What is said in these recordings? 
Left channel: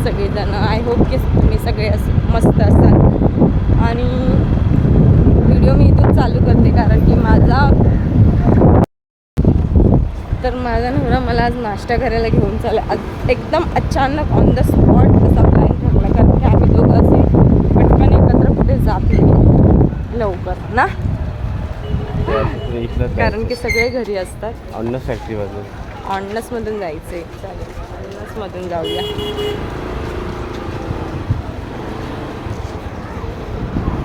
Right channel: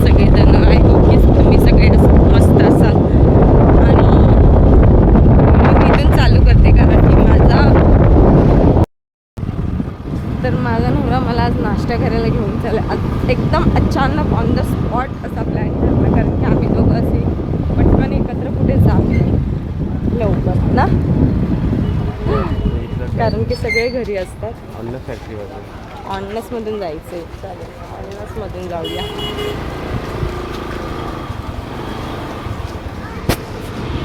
आहात सगळेजण. I hope की तुम्ही सगळे असं मस्त असाल. आणि व्हिडिओ मी इथून चालू करते कारण की माझा तर माझा नवरा मला आज नाश्ता करायला घेऊन चालला. आज एकदम अचानक ऑन द स्पॉट असा प्लॅन ठरला कारण की आम्ही दोघं असे पटकन एकत्र कुठे जात नाही. लवकर ना? कारण की सगळे घरी असतात. अन्न फॅक्टरी बाजू ऑननसमधून जायचं आहे चालेल ऑननसमधून जाऊया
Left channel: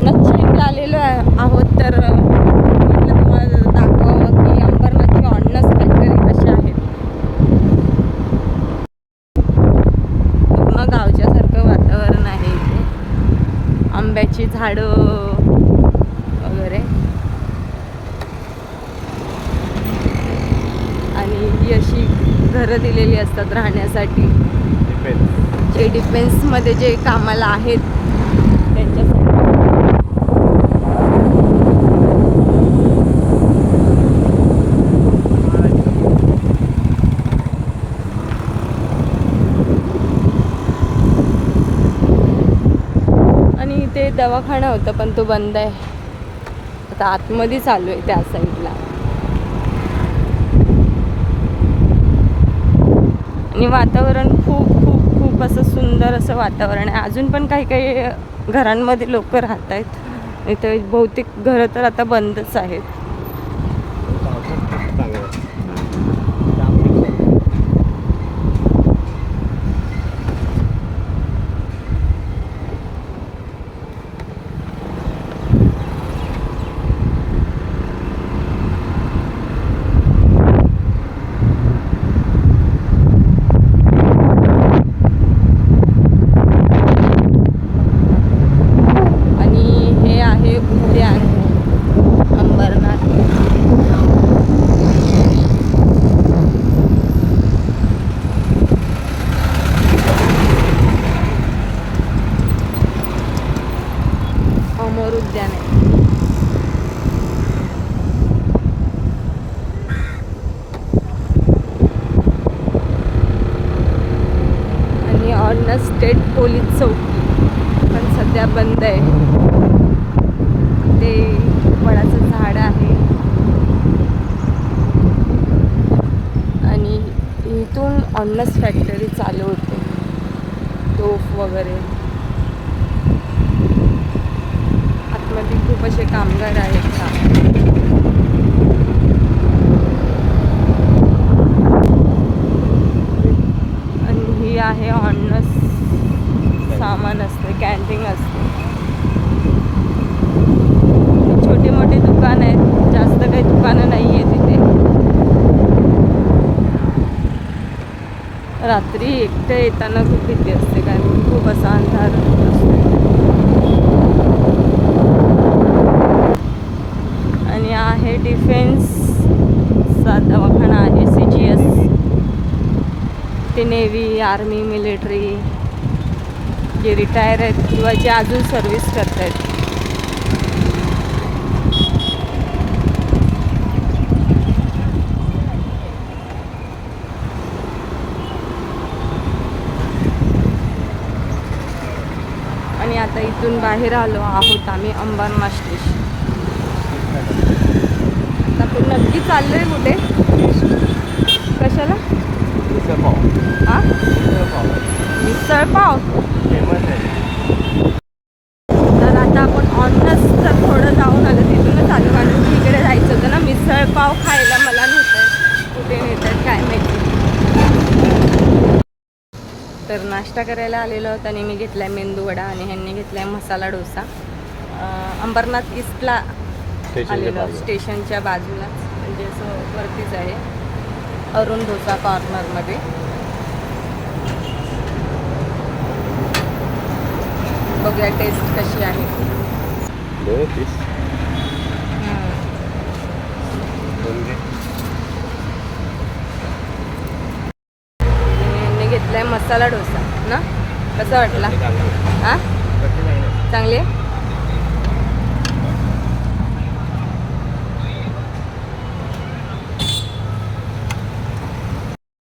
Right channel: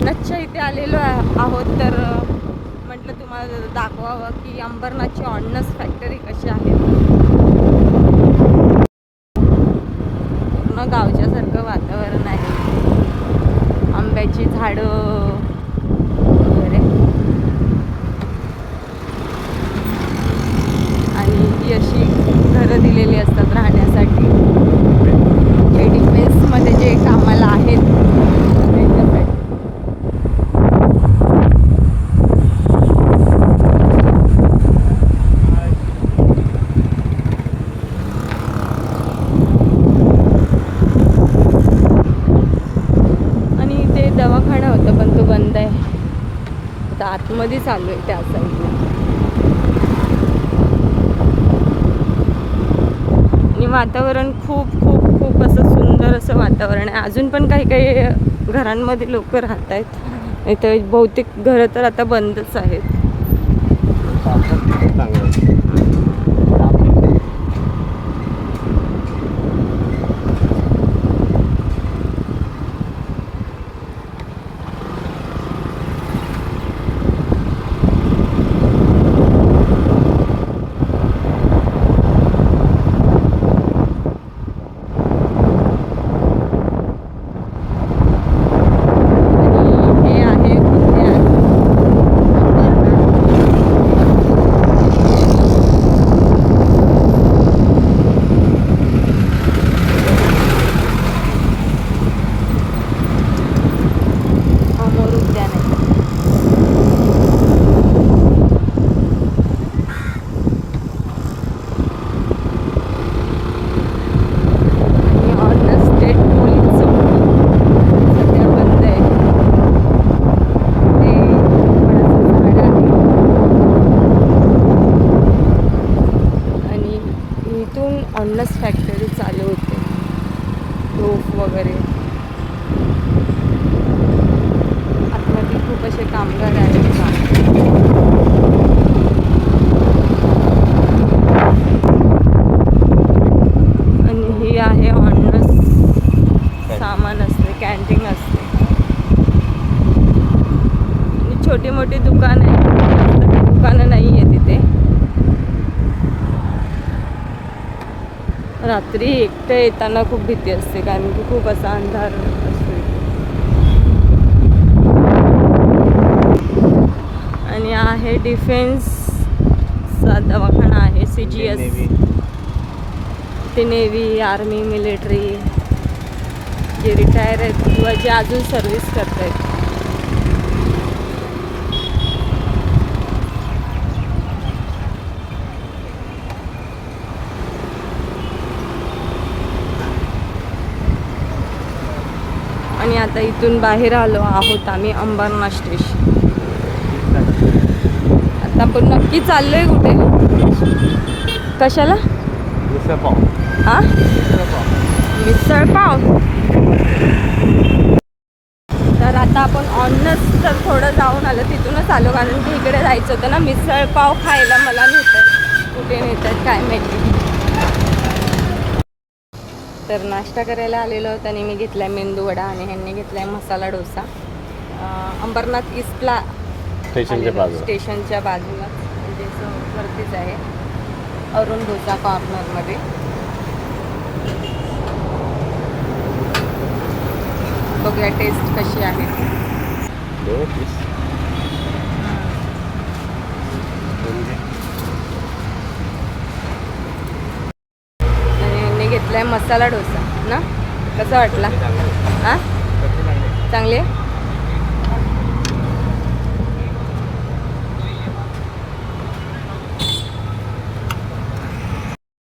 नच्छा इथे आलेलो आहे- आहोत तर म्हटलं तुम्हाला दाखवावं की अंबरनाथची ऑननस फॅक्टरी कशी आहे. पूर्ण गावच्यासारखं वातावरण आहे. आंब्याची झाडं वगैरे. आणि ही अशी घरं दिलेली असतात राहण्यासाठी. जे डिफेन्समध्ये जे कामाला आहेत त्यांच्यासाठी आणि ते दवाखाना पण तो बंद आहे. आता आतमध्ये चालू आहे त्या साईडला आणि वातावरण खूप खूप खूप असं सुंदर असं वातावरण आहे. अजून पण काही काही घरांमध्ये लोक राहत आहेत इथं बहुतेक घरं तर आता बंदच आहेत आणि हे आहे उद्यान अंबरनाथ अमोर उद्यान आहे आणि ऑर्डनर स्टेट पोलीस चौकी पण सध्या बंद आहे ते वडाचं झाड आहे आणि तिथून ऑर्नस फॅक्टरी चालू होते. तोफ वगैरे. आतमध्ये खूप असे कामगार आहेत का? आणि ही आहे ऑनस सामान असते कॅन्टीन असते. छोटे मोठे दुकान आहेत जास्त काही दुकानं नाही आहे तिथे. रात्री एकटं येताना खूप भीती असते कारण की खूप असा अंधार असतो. आणि आहे डिफेन्सचा दवाखाना आहे सी जी एस ते नेव्ही आर्मी मिलिटरी. जे रिटायर आहेत किंवा जे अजून सर्व्हिस करत आहेत आणि आता इथून बाहेर आलो आहोत आम्ही अंबरनाथ स्टेशन आता आपण नक्की चाललोय कुठे? कशाला? आ? मिसळ पाव तर आता आपण ऑनच तर थोडं जाऊन आलं तिथूनच आलो कारण की इकडे जायचं होतं ना मिसळ पाव खायला मला नेत आहेत कुठे नेत आहेत काय माहिती. तर नाश्ता करायला आलेलो होतं आणि मी घेतलाय मेंदू वडा आणि ह्यांनी घेतलाय मसाला डोसा. अंबरनाथ ईस्टला स्टेशनच्या बाजूला. स्टेशनच्या बाजूला. म्हणजे असं वरतीच आहे. अरुण डोसा कॉर्नरमध्ये बघूया टेस्ट कशी आहे. दोन पीस दोन घे. आणि यांनी घेतलाय मसाला डोसा ना? कसा वाटला? हा? चांगली आहे?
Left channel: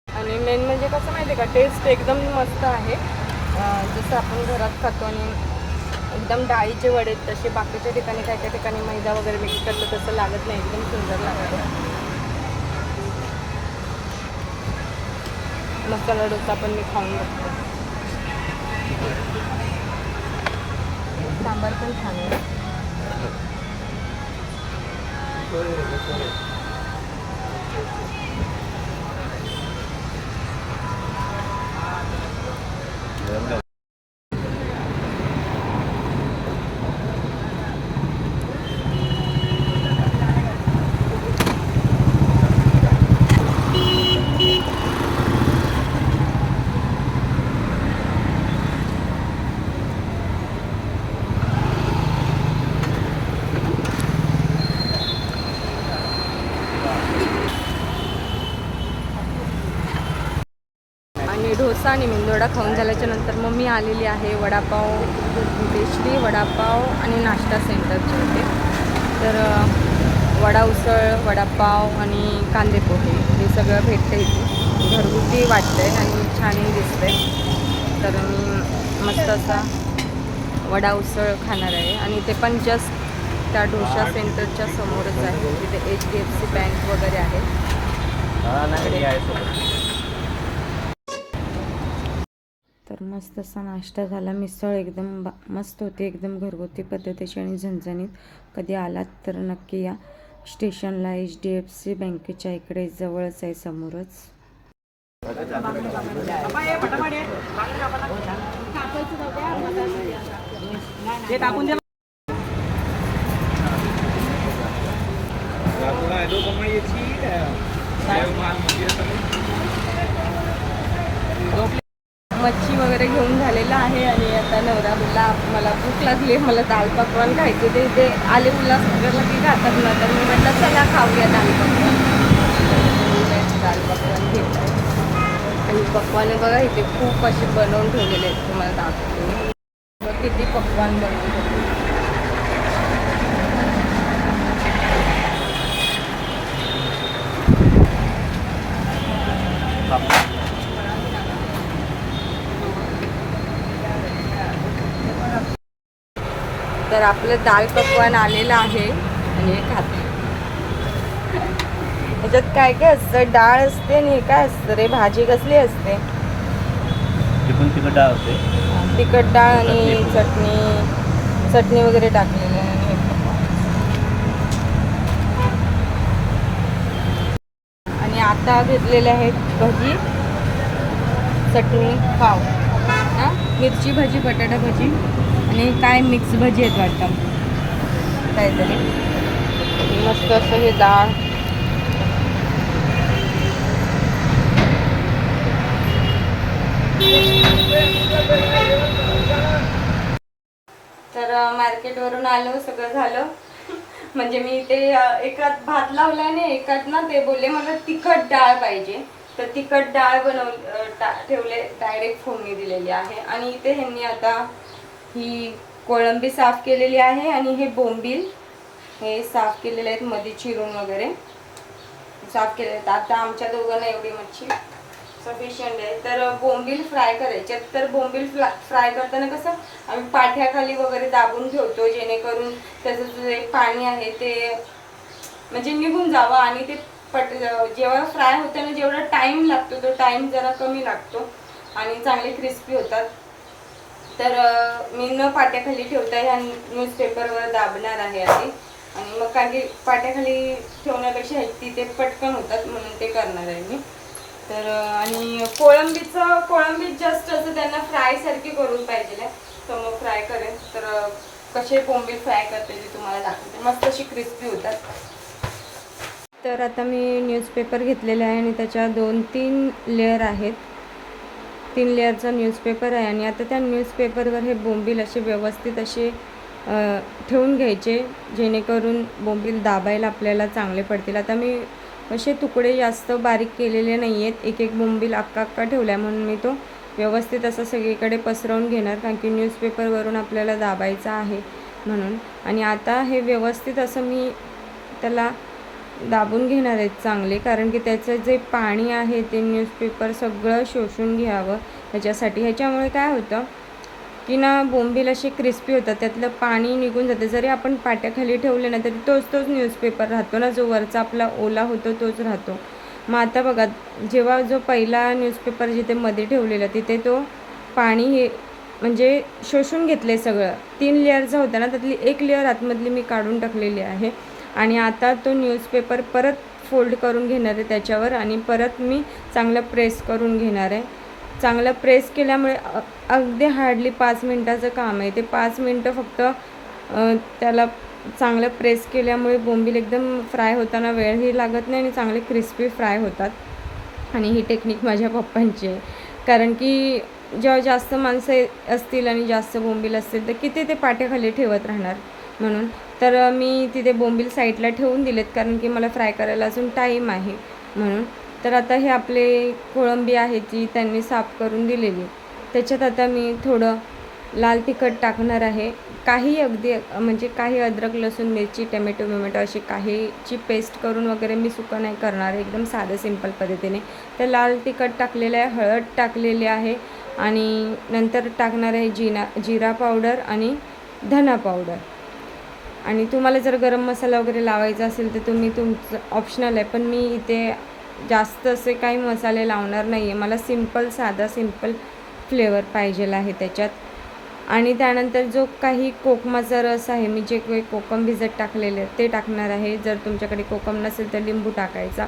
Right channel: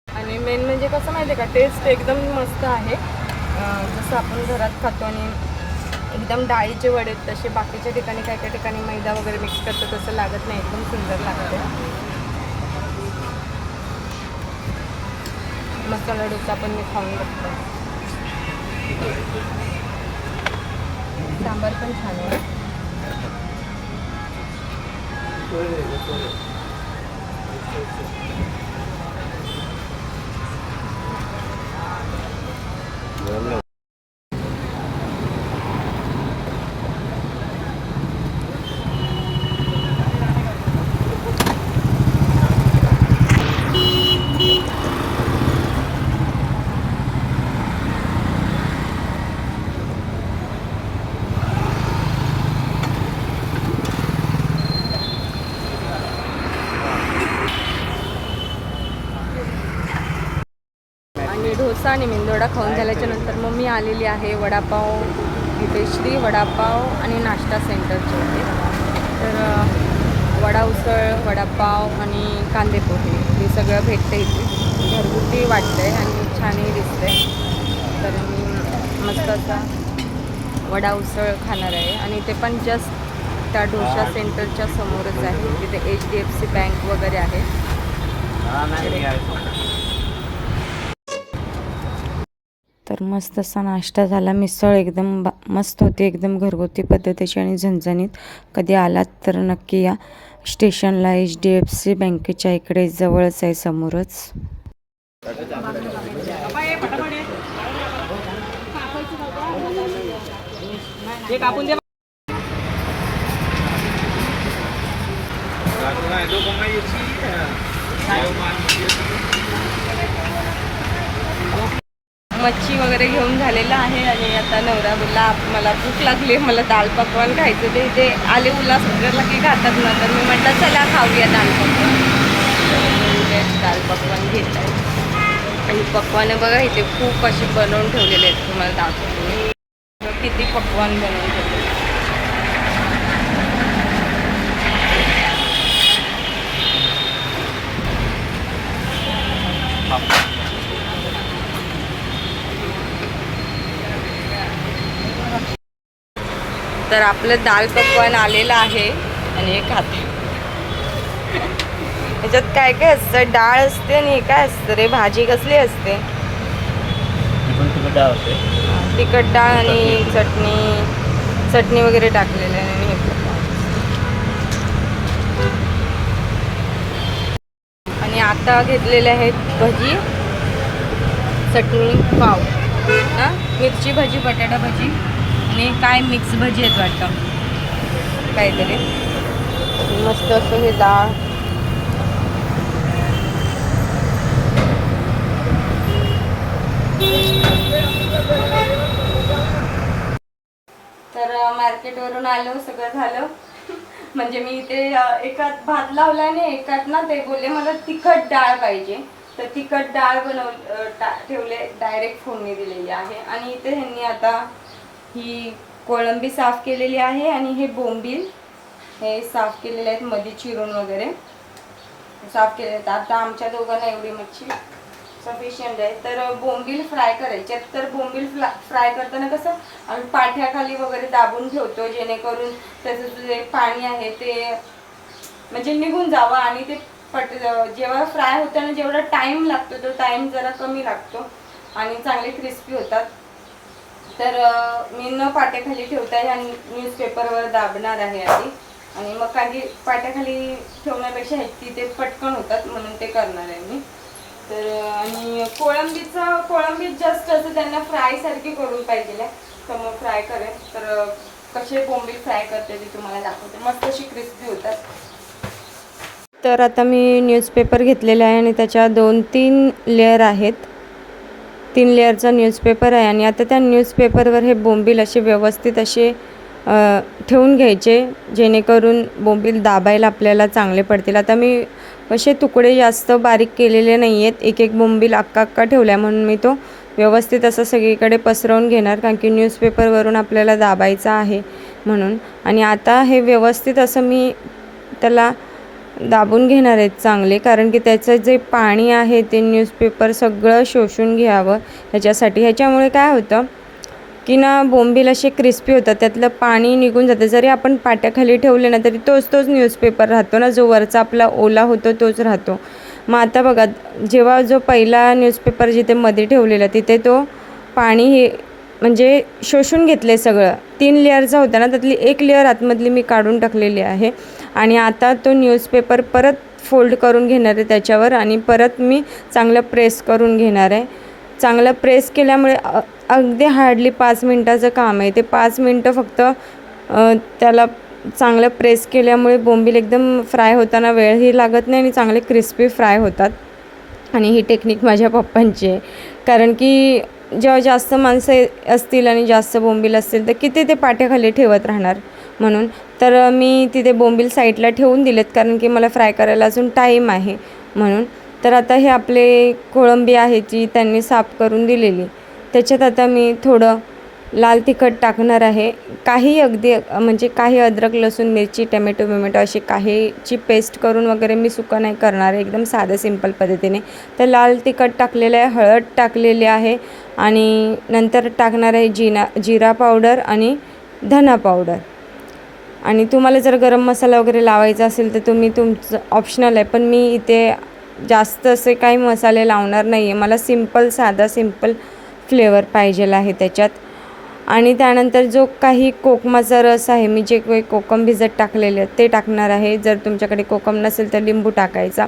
आणि मेन म्हणजे कसं माहिती आहे का? टेस्ट एकदम मस्त आहे. जसं आपण घरात खातो आणि एकदम डाळीचे वडे तसे बाकीच्या ठिकाणी काय काय ठिकाणी मैदा वगैरे मिक्स करतात तसं लागत नाही. एकदम सुंदर लागते मसाला डोसा पण मी खाऊन बघतो. सांबार पण छान आहे. ना आणि डोसा आणि मेंदोडा खाऊन झाल्याच्यानंतर मग मी आलेली आहे वडापाव इथे श्री वडापाव आणि नाश्ता सेंटरच्या इथे. तर वडा उसळ वडापाव आणि कांदे पोहे हे सगळं भेटतं इथे. घरगुती वाटतंय आणि छानही दिसतंय. तर मी मस्त असा वडा उसळ खाणार आहे. आणि ते पण जस्ट त्या डोसा सेंटरच्या समोरच आहे. तिथे H D F C bank वगैरे आहे. तर मस्त असा नाश्ता झाला. मिसळ एकदम बा मस्त होती. एकदम घरगुती पद्धतीची आणि झणझणीत. कधी आलात तर नक्की या. स्टेशनला एच डी एफ सी बँकेच्या इकडे जवळच आहे समोरच. मच्छी वगैरे घेऊन झालेला आहे आणि आता नवरा बोलला मला भूक लागली मला दाल पकवान खायचं ते इथे आले उल्हासनगरला की खातात ना. तर मी म्हटलं चला खाऊया दाल पकवान. दाल पकवान घेत आहे आणि पकवान बघा इथे खूप असे बनवून ठेवलेले आहेत. तुम्हाला दाखवतो किती पकवान बनवून ठेवलेले आहेत. तर आपलं दाल पकवान आलेलं आहे. आणि हे खाते ह्याच्यात काय काय असतं? डाळ असते आणि हे काय असतं रे? भाजी कसली असते? तिखट डाळ आणि चटणी. चटणी वगैरे टाकलेलं आहे आणि हे आणि आता घेतलेले आहेत भजी. चटणी पाव. हा? मिरची भजी बटाटा भजी. नाही काय मिक्स भजी आहेत वाटतं? काहीतरी. मस्त असं हे डाळ. तर मार्केटवरून आलो सगळं झालं. म्हणजे मी ते एकात भात लावला आणि एकात ना ते बोलले मला तिखट डाळ पाहिजे. तर तिखट डाळ बनव ठेवले डायरेक्ट फोडणी दिलेली आहे. आणि इथे ह्यांनी आता ही कोळंबी साफ केलेली आहे आणि हे बोंबील हे साफ केलेले आहेत मध्ये चिरून वगैरे. साफ केले आहेत. आता आमच्या दोघांना एवढी मच्छी सफिशियंट आहे. तर बोंबील फ्राय करायचे तर बोंबील फ्ला फ्राय करताना कसं आम्ही पाठ्याखाली वगैरे दाबून ठेवतो जेणेकरून त्याचं जे पाणी आहे ते म्हणजे निघून जावं आणि ते पट जेव्हा फ्राय होताना जेवढा टाईम लागतो तो टाईम जरा कमी लागतो आणि चांगले क्रिस्पी होतात. तर मी न पाट्याखाली ठेवता ह्या न्यूजपेपरवर दाबणार आहे आधी. आणि मग काही पाट्याखाली ठेवण्यापेक्षा हे तिथे पटकन होतात म्हणून ते करणार आहे मी. तर आणि कोळंबीचं कोळंबीत जास्त असं त्यांना फ्रायसारखी करून पाहिजे आहे. तर मग फ्राय करेन. तर कसे कोंबीत फ्राय करते ते तुम्हाला दाखवते. मस्त अशी क्रिस्पी होतात. तर आता मी न्यूजपेपर घेतलेला आहे आणि त्याच्या दोन तीन लेअर आहेत. तीन लेअरचा न्यूजपेपर आहे आणि आता त्या न्यूजपेपरवर हे बोंबील असे व्यवस्थित असे ठेवून घ्यायचे जेणेकरून बोंबील दाबायला आपल्याला चांगले पडतील. आता मी असे तुकडे जास्त बारीक केलेले नाही आहेत एक एक बोंबील अक्का अक्का ठेवल्या म्हणून मी तो व्यवस्थित असं सगळीकडे पसरवून घेणार कारण की न्यूजपेपरवरून आपल्याला दाबायचा आहे म्हणून. आणि आता हे व्यवस्थित असं मी त्याला दाबून घेणार आहेत चांगले कारण की त्याचं जे पाणी आहे ते न्यूजपेपर सगळं शोषून घ्यावं ह्याच्यासाठी. ह्याच्यामुळे काय होतं की ना बोंबील असे क्रिस्पी होतात त्यातलं पाणी निघून जातं. जरी आपण पाट्याखाली ठेवले ना तरी तोच तोच न्यूजपेपर राहतो ना. जो वरचा आपला ओला होतो तोच राहतो. मग आता बघा जेव्हा जो पहिला न्यूजपेपर जिथे मध्ये ठेवलेला तिथे तो पाणी हे म्हणजे शोषून घेतले सगळं. तीन लेअरचा होता ना त्यातली एक लेअर आतमधली मी काढून टाकलेली आहे. आणि आता तो न्यूजपेपर परत फोल्ड करून घेणार आहे त्याच्यावर आणि परत मी चांगलं प्रेस करून घेणार आहे. चांगलं प्रेस केल्यामुळे अगदी हार्डली पाच मिनटाचं काम आहे. ते पाच मिनटं फक्त त्याला चांगलं प्रेस केल्यामुळे बोंबील एकदम फ्राय होताना वेळही लागत नाही आणि चांगले क्रिस्पी फ्राय होतात. आणि ही टेक्निक माझ्या पप्पांची आहे. कारण की जेव्हा जास्त माणसं असतील आणि जास्त बोंबील असतील तर किती ते पाट्याखाली ठेवत राहणार? म्हणून तर मी तिथे बोंबील साईडला ठेवून दिलेत कारण की मला फ्राय करायला अजून टाईम आहे म्हणून. तर आता हे आपले कोळंबी आहे जी त्यांनी साफ करून दिलेली. त्याच्यात आता मी थोडं लाल तिखट टाकणार आहे. काही अगदी म्हणजे काही अद्रक लसूण मिरची टमॅटो बिमॅटो अशी काहीची पेस्ट करून वगैरे मी सुकं नाही करणार आहे. एकदम साधं सिंपल पद्धतीने. तर लाल तिखट टाकलेलं आहे हळद टाकलेली आहे आणि नंतर टाकणार आहे जिना जिरा पावडर आणि धना पावडर. आणि तुम्हाला जर गरम मसाला वगैरे लावायचा असेल तर तुम्ही तुमचं ऑप्शनल आहे. पण मी इथे जास्त असे काही मसाले लावणार नाही आहे मला सिंपल साधा सिंपल फ्लेवर पाहिजेल आहे त्याच्यात. आणि त्यानंतर जो काही कोकमाचा रस आहे मी जे काही कोकम भिजत टाकलेले आहेत ते टाकणार आहे. जर तुमच्याकडे कोकम नसेल तर लिंबू टाकायचा.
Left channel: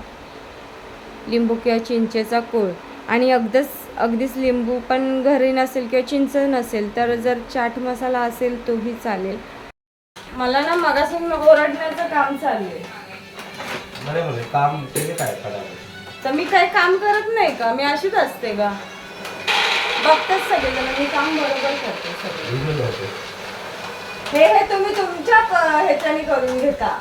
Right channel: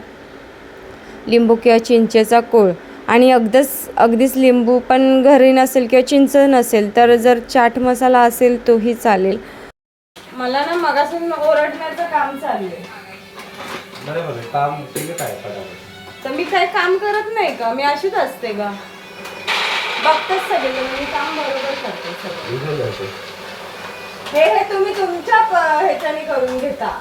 लिंबू किंवा चिंचेचा कोळ. आणि अगदीच अगदीच लिंबू पण घरी नसेल किंवा चिंच नसेल तर जर चाट मसाला असेल तोही चालेल. मला ना मगासून ओरडण्याचं काम चाललंय बरे बघे काम केले काय सगळं तर मी काही काम करत नाही का? मी अशीच असते का? बघतेच सगळेजण मी काम बरोबर करते सगळं. हे हे तुम्ही तुमच्या ह्याच्याने करून घेता.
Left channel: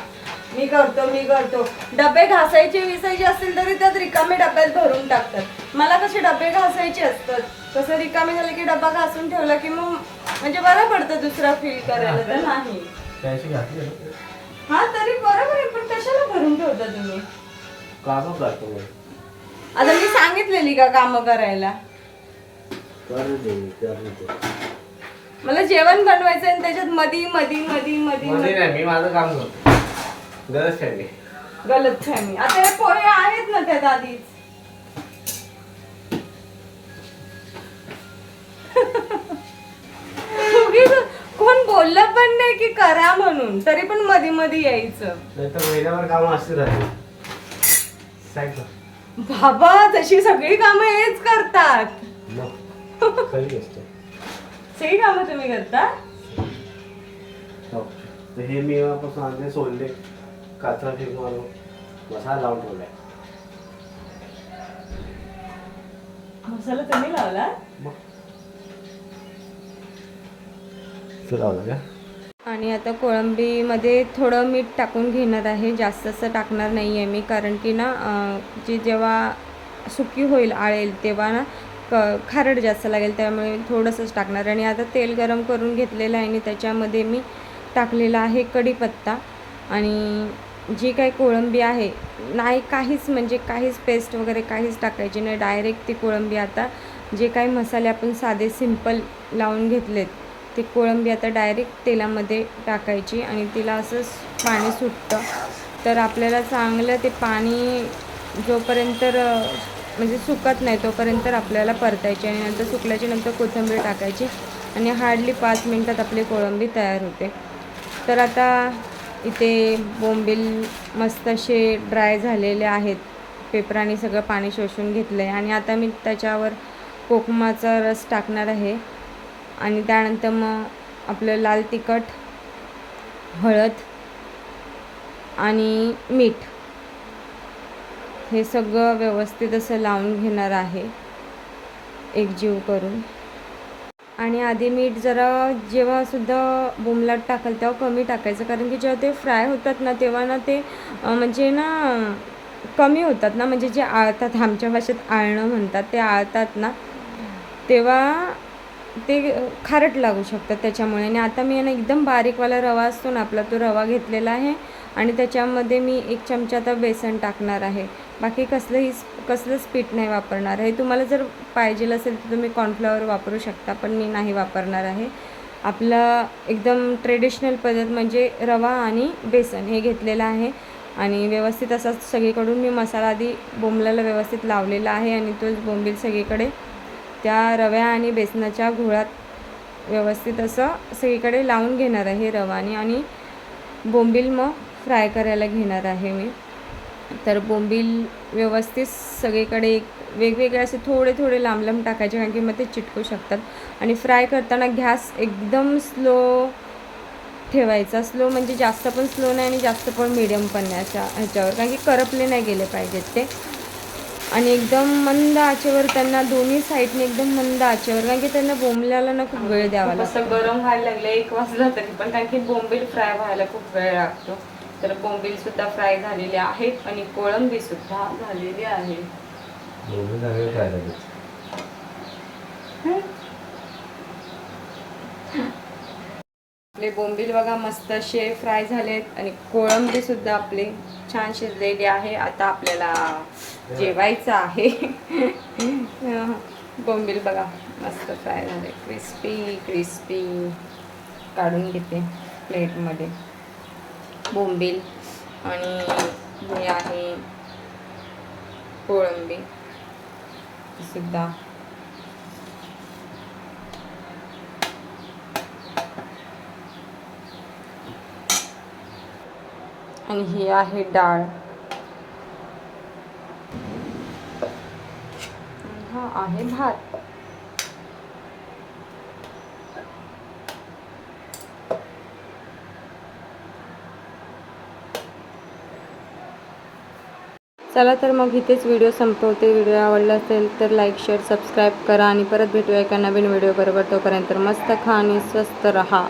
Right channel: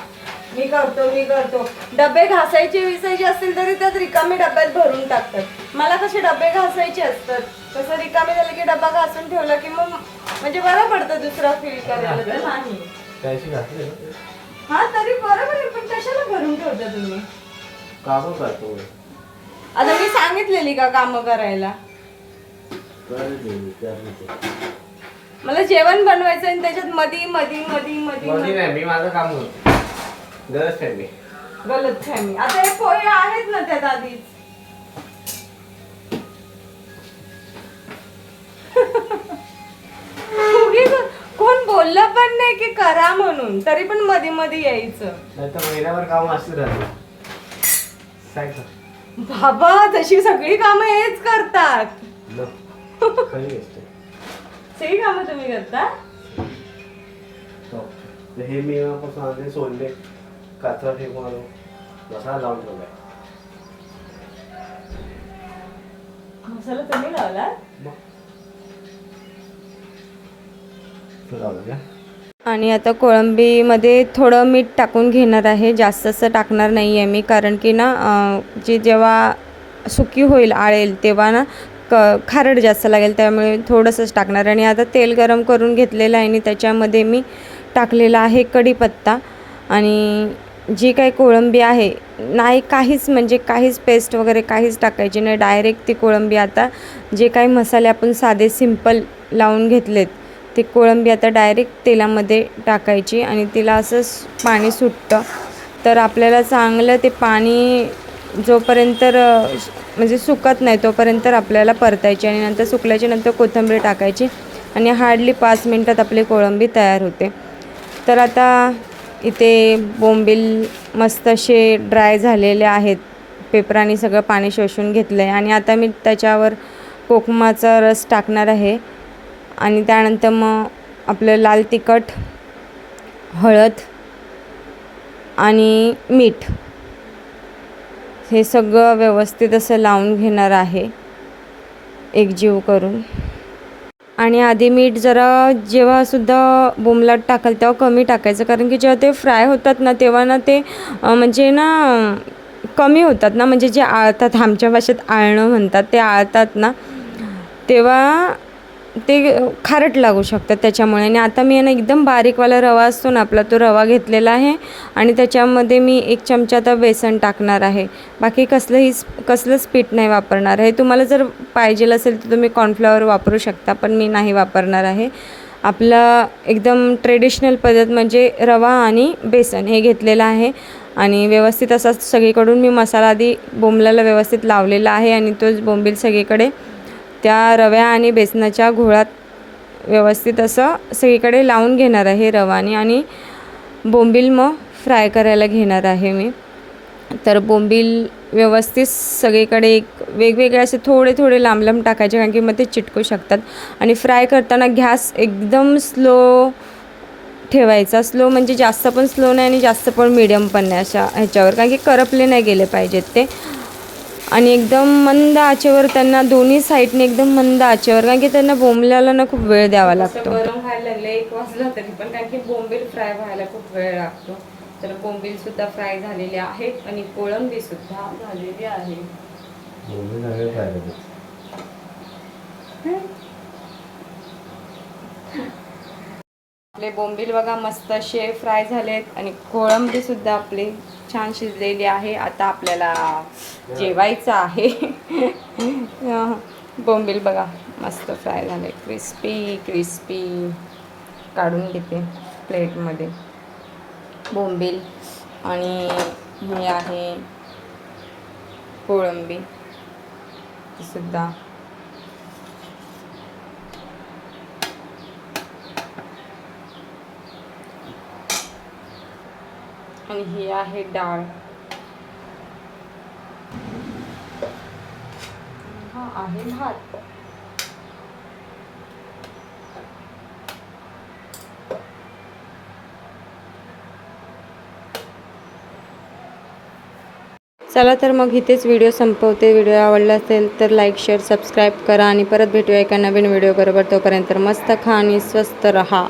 मी करतो मी करतो. डबे घासायचे विसायचे असतील तरी त्यात रिकामे डब्यात भरून टाकतात. मला कसे डबे घासायचे असतात? कसं रिकामे झाले की डबा घासून ठेवला की मग म्हणजे बरं पडतं दुसरा फील करायला तर. नाही. त्याशी घातले. हा तरी बरोबर आहे पण कशाला भरून ठेवता तुम्ही? कामं करतो मी आता मी सांगितलेली का कामं करायला? करू दे मी, करू दे. मला जेवण बनवायचं आणि त्याच्यात मधी मधी मधी मधी मध्ये नाही मी माझं काम करतो. गरज आहे मी. गलत फॅमी आता हे पोहे आहेत ना त्यात आधीच? बोललं पण नाही की करा म्हणून तरी पण मध्ये मध्ये यायचं. नाही तर महिन्यावर काम अशी राहील बाबा तशी सगळी कामं हेच करतात. न खरी गोष्ट आहे. सगळी कामं तुम्ही करता हो. तर हे मी पासून आणले सोडले. काचा हे मारून मसाला लावून ठेवलाय. मसाला तुम्ही लावला मग? आणि आता कोळंबीमध्ये थोडं मीठ टाकून घेणार आहे. जास्त असं टाकणार नाही आहे मी कारण की ना जे जी जेव्हा सुकी होईल आळेल तेव्हा ना क खारड जास्त लागेल त्यामुळे थोडंसंच टाकणार. आणि आता तेल गरम करून घेतलेलं आहे आणि त्याच्यामध्ये मी टाकलेला आहे कढीपत्ता. आणि जी काही कोळंबी आहे नाही काहीच म्हणजे काहीच पेस्ट वगैरे काहीच टाकायची नाही. डायरेक्ट ती कोळंबी आता जे काही मसाले आपण साधे सिंपल लावून घेतलेत ती कोळंबी आता डायरेक्ट तेलामध्ये टाकायची आणि तिला असं पाणी सुटतं. तर आपल्याला चांगलं ते पाणी जोपर्यंत म्हणजे सुकत नाही तोपर्यंत आपल्याला परतायची आणि नंतर सुकल्याच्या नंतर कोथिंबीर टाकायची आणि हार्डली पाच मिनटात आपली कोळंबी तयार होते. तर आता इथे बोंबील मस्त असे ड्राय झालेले आहेत. पेपराने सगळं पाणी शोषून घेतलं आहे आणि आता मी त्याच्यावर कोकमाचा रस टाकणार आहे. आणि त्यानंतर मग आपलं लाल तिखट हळद आणि मीठ. हे सगळं व्यवस्थित असं लावून घेणार आहे. एकजीव करून. आणि आधी मीठ जरा जेव्हासुद्धा बोमलाट टाकाल तेव्हा कमी टाकायचं. कारण की जेव्हा ते फ्राय होतात ना तेव्हा ना ते म्हणजे ना कमी होतात ना. म्हणजे जे आळतात आमच्या भाषेत आळणं म्हणतात ते आळतात ना. तेव्हा ते खारट लागू शकतात त्याच्यामुळे. आणि आता मी ना एकदम बारीकवाला रवा असतो ना आपला तो रवा घेतलेला आहे आणि त्याच्यामध्ये मी एक चमचा आता बेसन टाकणार आहे. बाकी कसलंही कसलंच पीठ नाही वापरणार आहे. तुम्हाला जर पाहिजे असेल तर तुम्ही कॉर्नफ्लॉवर वापरू शकता पण मी नाही वापरणार आहे. आपलं एकदम ट्रेडिशनल पद्धत म्हणजे रवा आणि बेसन हे घेतलेलं आहे. आणि व्यवस्थित असा सगळीकडून मी मसाला आधी बोंबल्याला व्यवस्थित लावलेला आहे आणि तोच बोंबील सगळीकडे त्या रव्या आणि बेसनाच्या घोळात व्यवस्थित असं सगळीकडे लावून घेणार आहे रवाने आणि बोंबील मग फ्राय करायला घेणार आहे मी. तर बोंबील व्यवस्थित सगळीकडे एक वेगवेगळे असे थोडे थोडे लांब लांब टाकायचे कारण की मग ते चिटकू शकतात. आणि फ्राय करताना गॅस एकदम स्लो ठेवायचा. स्लो म्हणजे जास्त पण स्लो नाही आणि जास्त पण मिडियम पण नाही अशा ह्याच्यावर. कारण की करपले नाही गेले पाहिजेत ते. आणि एकदम मंद आचेवर त्यांना दोन्ही साईडने एकदम मंद आचेवर कारण की त्यांना बोंबल्याला ना खूप वेळ द्यावा लागतो. गरम व्हायला लागले एक वाजला तरी पण कारण की बोंबील फ्राय व्हायला खूप वेळ लागतो. तर बोंबील सुद्धा फ्राय झालेले आहेत आणि कोळंबी सुद्धा झालेली आहे दोन्ही झाले काय लगेच आपले बोंबील बघा मस्त असे फ्राय झालेत. आणि कोळंबी सुद्धा आपली छान शिजलेली आहे. आता आपल्याला जेवायचं आहे. बोंबील बघा मस्त फ्राय झाले. क्रिस्पी क्रिस्पी काढून घेते प्लेटमध्ये. बोंबील आणि हे आहे कोळंबी. सुद्धा आणि ही आहे डाळ. हा आहे भात. चला तर मग इथेच व्हिडिओ संपवते. व्हिडिओ आवडला असेल तर लाईक शेअर सबस्क्राईब करा आणि परत भेटूया एका नवीन व्हिडिओ बरोबर. तोपर्यंत मस्त खा आणि स्वस्त रहा.